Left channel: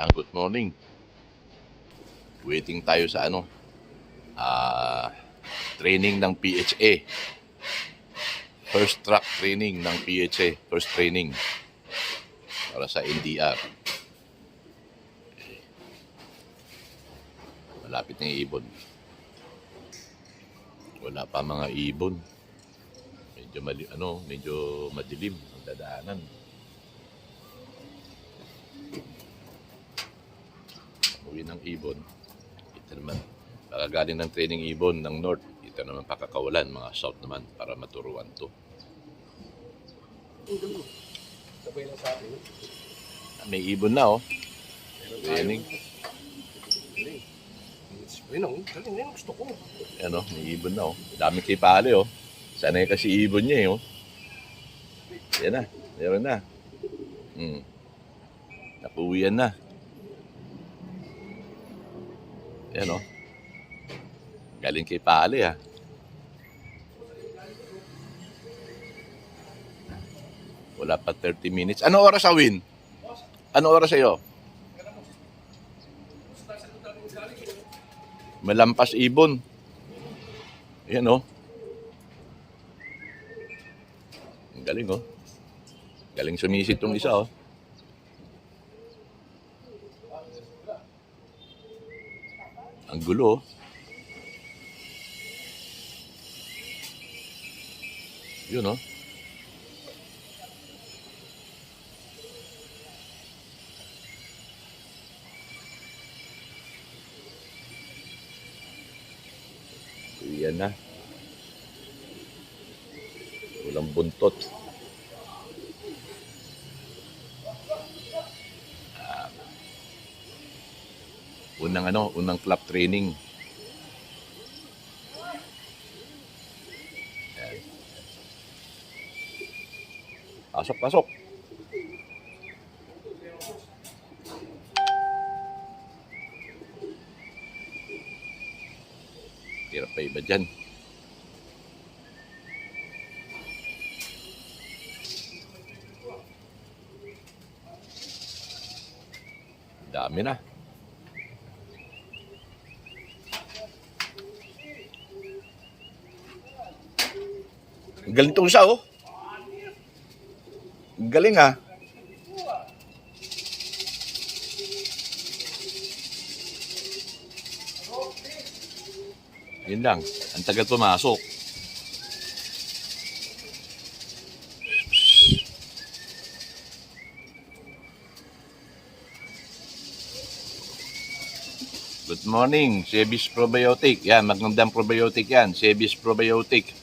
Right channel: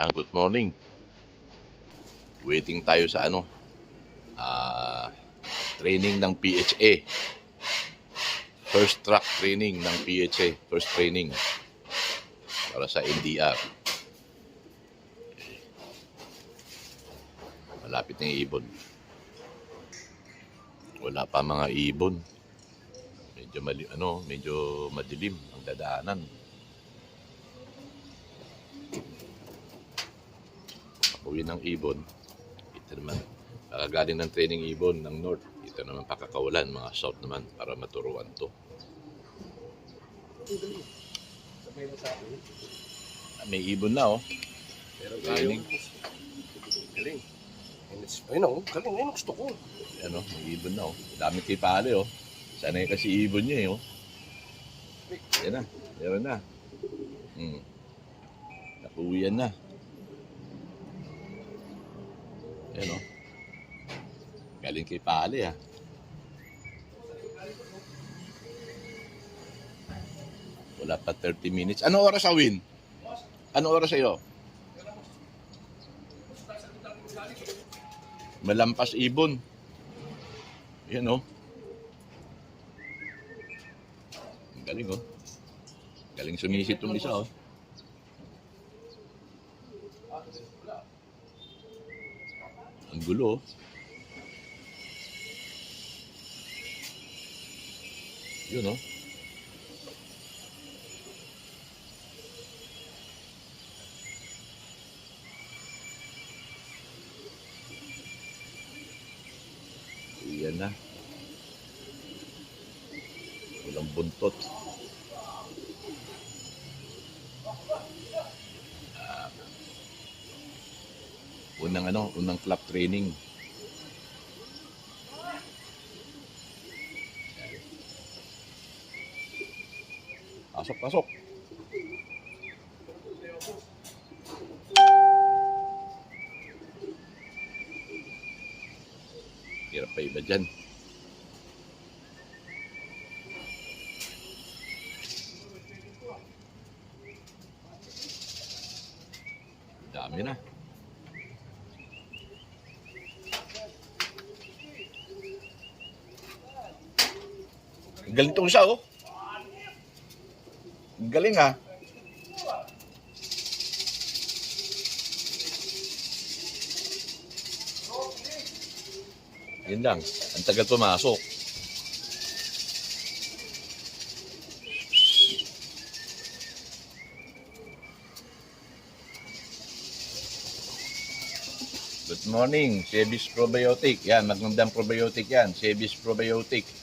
Good morning. Waiting tayo sa training ng PHA. First track training ng PHA. First training para sa NDR. Malapit ng ibon. Wala pa mga ibon. Medyo madilim ang dadaanan. Uwi ng ibon. Ito naman, galing ng training ibon ng north. Ito naman pakakawalan, mga south naman, para maturuan to. May ibon na training. Galing. Ayun galing gusto ko. May ibon na Dami kay pale Sanay kasi ibon niya Yan na, meron na. Napuwian na. Yan galing kay pale Wala pa 30 minutes. Ano oras Win? Ano oras sa'yo? Malampas ibon. Yan Ang galing Galing sumisit tong isa Ang gulo Yun Yan na. Walang buntot. Unang clap training. Yan. Pasok. Hirap pa iba dyan. Dami na. Galing tong isa Galing Yun lang. Ang tagal pumasok. Good morning, Sebis Probiotic. Yan, magandang probiotic yan. Sebis Probiotic.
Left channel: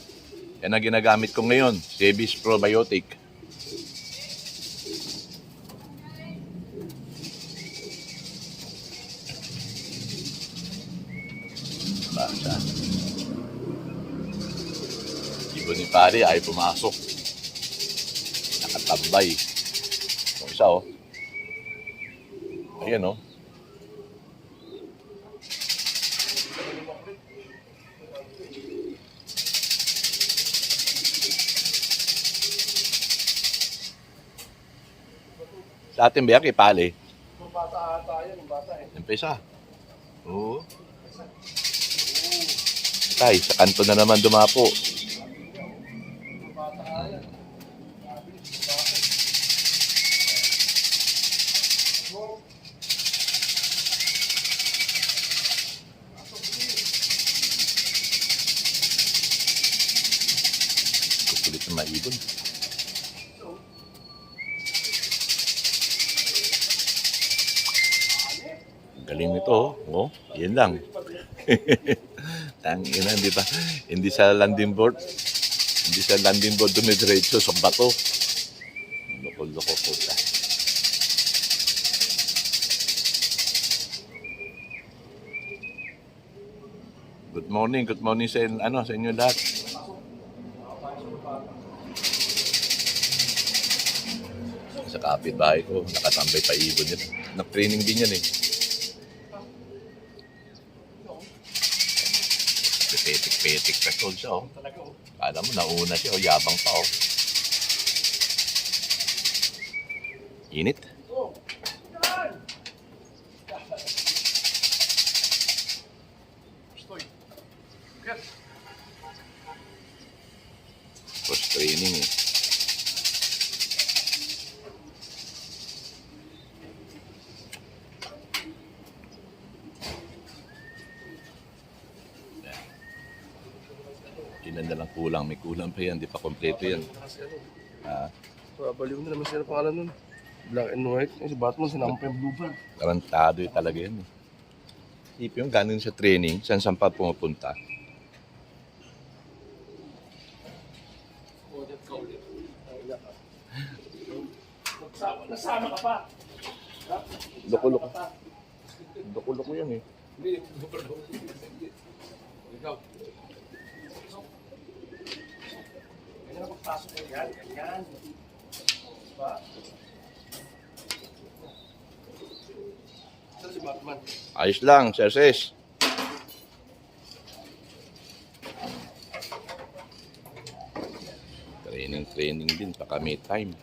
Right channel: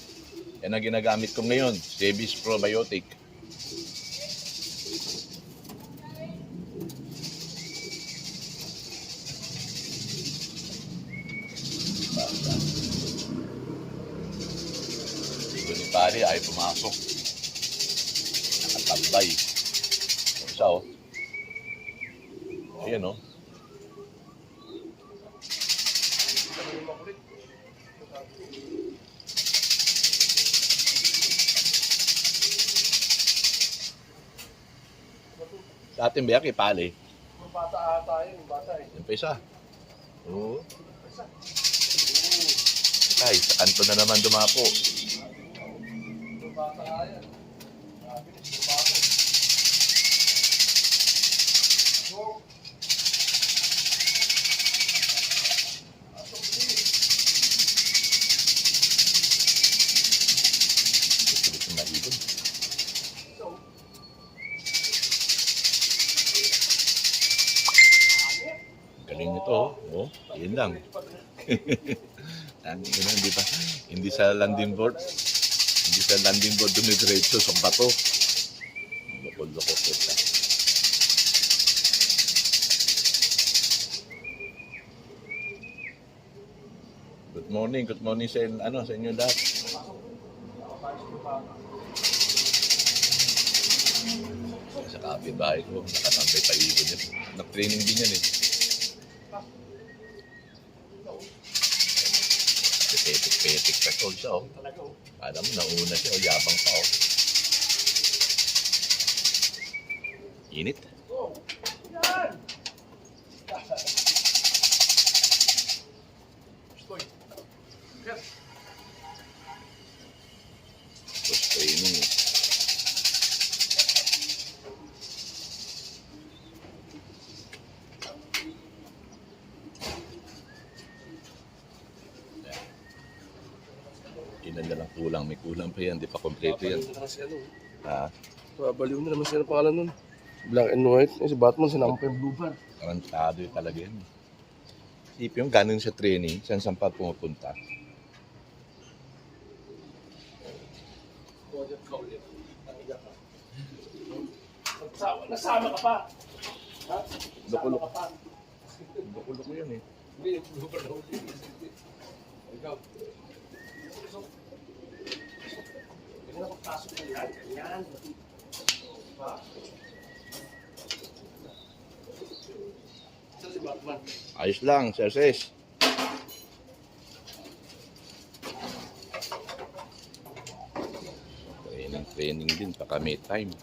Yan ang ginagamit ko ngayon. Sebis Probiotic. Basta. Ibon ni pare ay pumasok. Nakatabay. Yung isa Ayan Sa atin ba kay pale? Yung bata ata yun, yung bata Yung pesa. Oo. Ay, sa kanto na naman dumapo. Yung bata yan. Mabilis, yung bata. Kukulit na maibon. Galing nito yun lang. Tangina, hindi sa landing board. Hindi sa landing board dumidiretso sa bato. Loko-loko po siya. Good morning sa inyo lahat. Sa kapitbahay ko, nakatambay pa ibon yun. Nag-training din yan Petik pa siya Kala mo nauna siya yabang pa Init. Ilan na lang kulang. May kulang pa yan. Di pa kompleto yan. Kasi ano, Ha? babaliw na naman sila ng pangalan nun. Black and white. Kasi Batman, sinama pa yung blue van. Tarantado yung talaga yan. Isipin yung ganon sa training. Saan pa pumupunta. Project ka ulit. Naiyak ka. Nasama ka pa. Ha? Loko-loko. Nasama ka pa. Loko-loko yan eh. Hindi, hindi pa na ulit. Ikaw. Ganyan ang pagpasok mo yan. Ganyan. Diba? Saan si Batman? Ayos lang, Sir Ses. Training din. Baka may time.